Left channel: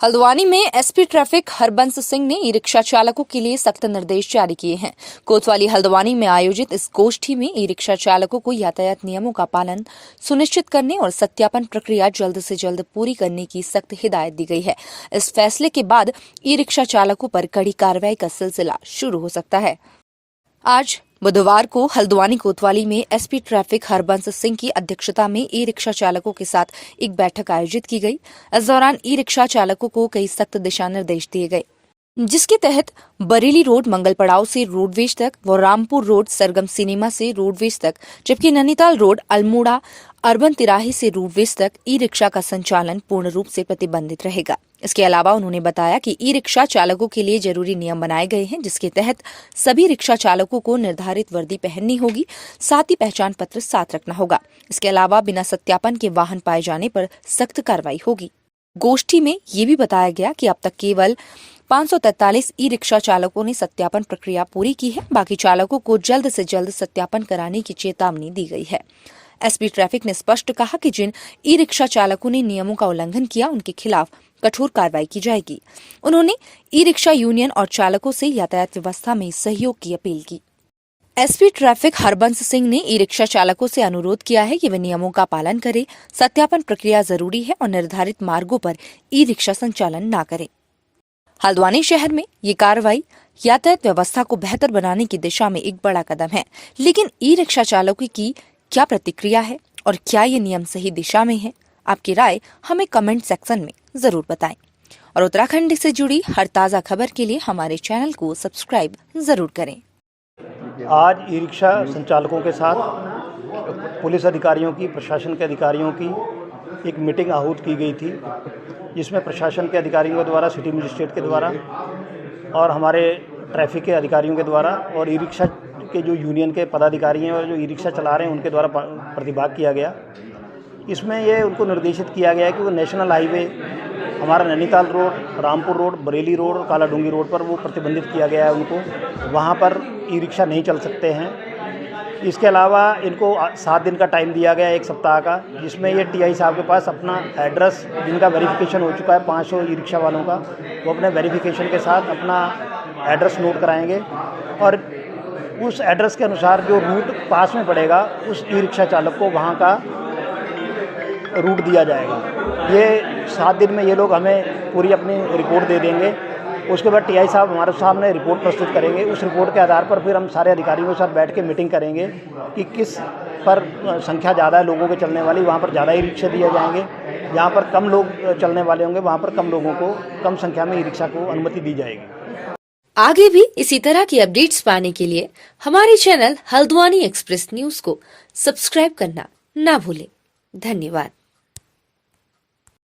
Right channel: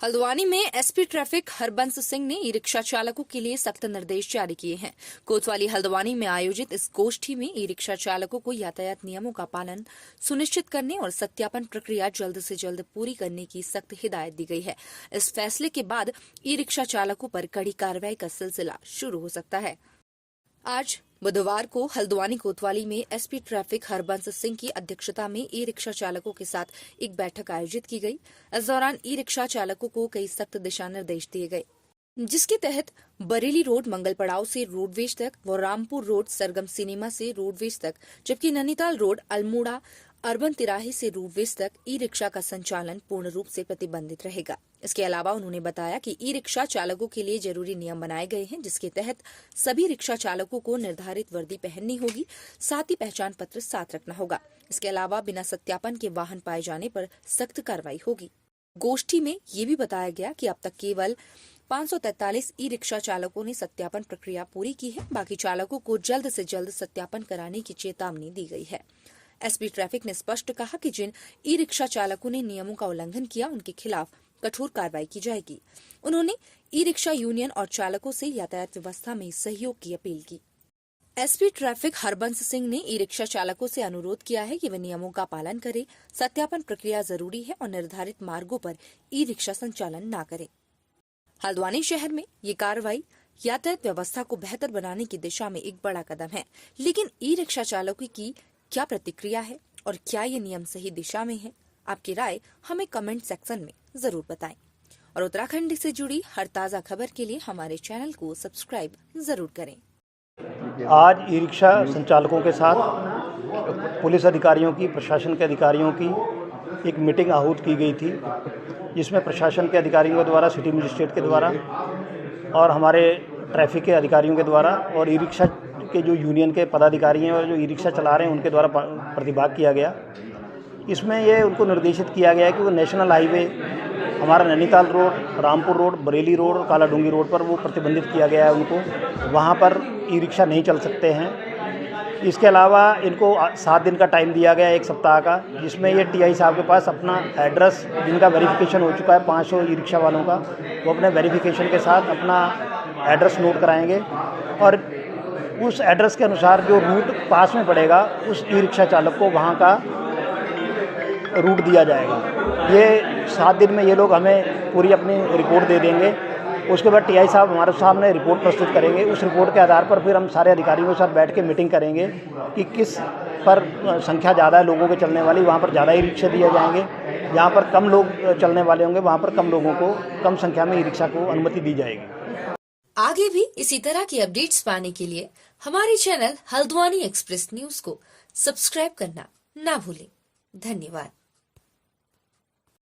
हल्द्वानी में SP traffic Harbans Singh ने e rickshaw चालकों के लिए सख्त निर्देश जारी किए हैं। कोतवाली हल्द्वानी में आयोजित इस गोष्ठी में ई रिक्शा चालकों को यातायात नियमों का पालन सुनिश्चित करने और सत्यापन प्रक्रिया जल्द से जल्द पूरी करने की सख्त हिदायत दी गई है। इस फैसले के बाद ई रिक्शा चालकों पर कड़ी कार्रवाई का सिलसिला शुरू हो सकता है। आज बुधवार को हल्द्वानी कोतवाली में एसपी ट्रैफिक हरबंस सिंह की अध्यक्षता में ई रिक्शा चालकों के साथ एक बैठक आयोजित की गई। इस दौरान ई रिक्शा चालकों को कई सख्त दिशा निर्देश दिए गए, जिसके तहत बरेली रोड मंगल पड़ाव से रोडवेज तक व रामपुर रोड सरगम सिनेमा से रोडवेज तक, जबकि नैनीताल रोड अल्मोड़ा अर्बन तिराहे से रोडवेज तक ई रिक्शा का संचालन पूर्ण रूप से प्रतिबंधित रहेगा। इसके अलावा उन्होंने बताया कि ई रिक्शा चालकों के लिए जरूरी नियम बनाए गए हैं, जिसके तहत सभी रिक्शा चालकों को निर्धारित वर्दी पहननी होगी, साथ ही पहचान पत्र साथ रखना होगा। इसके अलावा बिना सत्यापन के वाहन पाए जाने पर सख्त कार्रवाई होगी। गोष्ठी में ये भी बताया गया कि अब तक केवल 543 ई रिक्शा चालकों ने सत्यापन प्रक्रिया पूरी की है। बाकी चालकों को जल्द से जल्द सत्यापन कराने की चेतावनी दी गई है। एसपी ट्रैफिक ने स्पष्ट कहा कि जिन ई रिक्शा चालकों ने नियमों का उल्लंघन किया, उनके खिलाफ कठोर कार्रवाई की जाएगी। उन्होंने ई रिक्शा यूनियन और चालकों से यातायात व्यवस्था में सहयोग की अपील की। एसपी ट्रैफिक हरबंस सिंह ने ई रिक्शा चालकों से अनुरोध किया है कि वे नियमों का पालन करें, सत्यापन प्रक्रिया जरूरी है और निर्धारित मार्गों पर ई रिक्शा संचालन न करें। हल्द्वानी शहर में ये कार्रवाई यातायात व्यवस्था को बेहतर बनाने की दिशा में एक बड़ा कदम है, लेकिन ई रिक्शा चालकों की क्या प्रतिक्रिया है और क्या ये नियम सही दिशा में है? आपकी राय हमें कमेंट सेक्शन में जरूर बताएं। और उत्तराखंड से जुड़ी हर ताज़ा खबर के लिए हमारे चैनल को सब्सक्राइब जरूर करें। आज ई रिक्शा संचालकों के साथ पुलिस अधिकारियों की, प्रशासन के अधिकारियों की एक मीटिंग आहूत की गई थी, जिसमें प्रशासन के अधिकारियों के द्वारा, सिटी मजिस्ट्रेट के द्वारा और हमारे ट्रैफिक के अधिकारियों के द्वारा और ई रिक्शा के जो यूनियन के पदाधिकारी हैं और जो ई रिक्शा चला रहे हैं उनके द्वारा प्रतिभाग किया गया। इसमें ये उनको निर्देशित किया गया कि वो नेशनल हाईवे हमारा Nainital road, Rampur road, Bareilly road और कालाडूंगी रोड पर वो प्रतिबंधित किया गया है उनको, वहाँ पर ई रिक्शा नहीं चल सकते हैं। इसके अलावा इनको 7 दिन का टाइम दिया गया है, 1 सप्ताह का, जिसमें ये टीआई साहब के पास अपना एड्रेस, जिनका वेरिफिकेशन हो चुका है 500 ई रिक्शा वालों का, वो अपने वेरिफिकेशन के साथ अपना एड्रेस नोट कराएंगे और उस एड्रेस के अनुसार जो रूट पास में पड़ेगा उस ई रिक्शा चालक को वहाँ का रूट दिया जाएगा। ये 7 दिन में ये लोग हमें पूरी अपनी रिपोर्ट दे देंगे। उसके बाद टीआई साहब हमारे सामने रिपोर्ट प्रस्तुत करेंगे। उस रिपोर्ट के आधार पर फिर हम सारे अधिकारियों के साथ बैठ के मीटिंग करेंगे कि किस पर संख्या ज़्यादा है लोगों के चलने वाली, वहाँ पर ज़्यादा ई रिक्शा दिए जाएंगे। जहाँ पर कम लोग चलने वाले होंगे वहाँ पर कम लोगों को, कम संख्या में ई रिक्शा को अनुमति दी जाएगी। आगे भी इसी तरह की अपडेट्स पाने के लिए हमारे चैनल हल्द्वानी एक्सप्रेस न्यूज को सब्सक्राइब करना ना भूलें। धन्यवाद।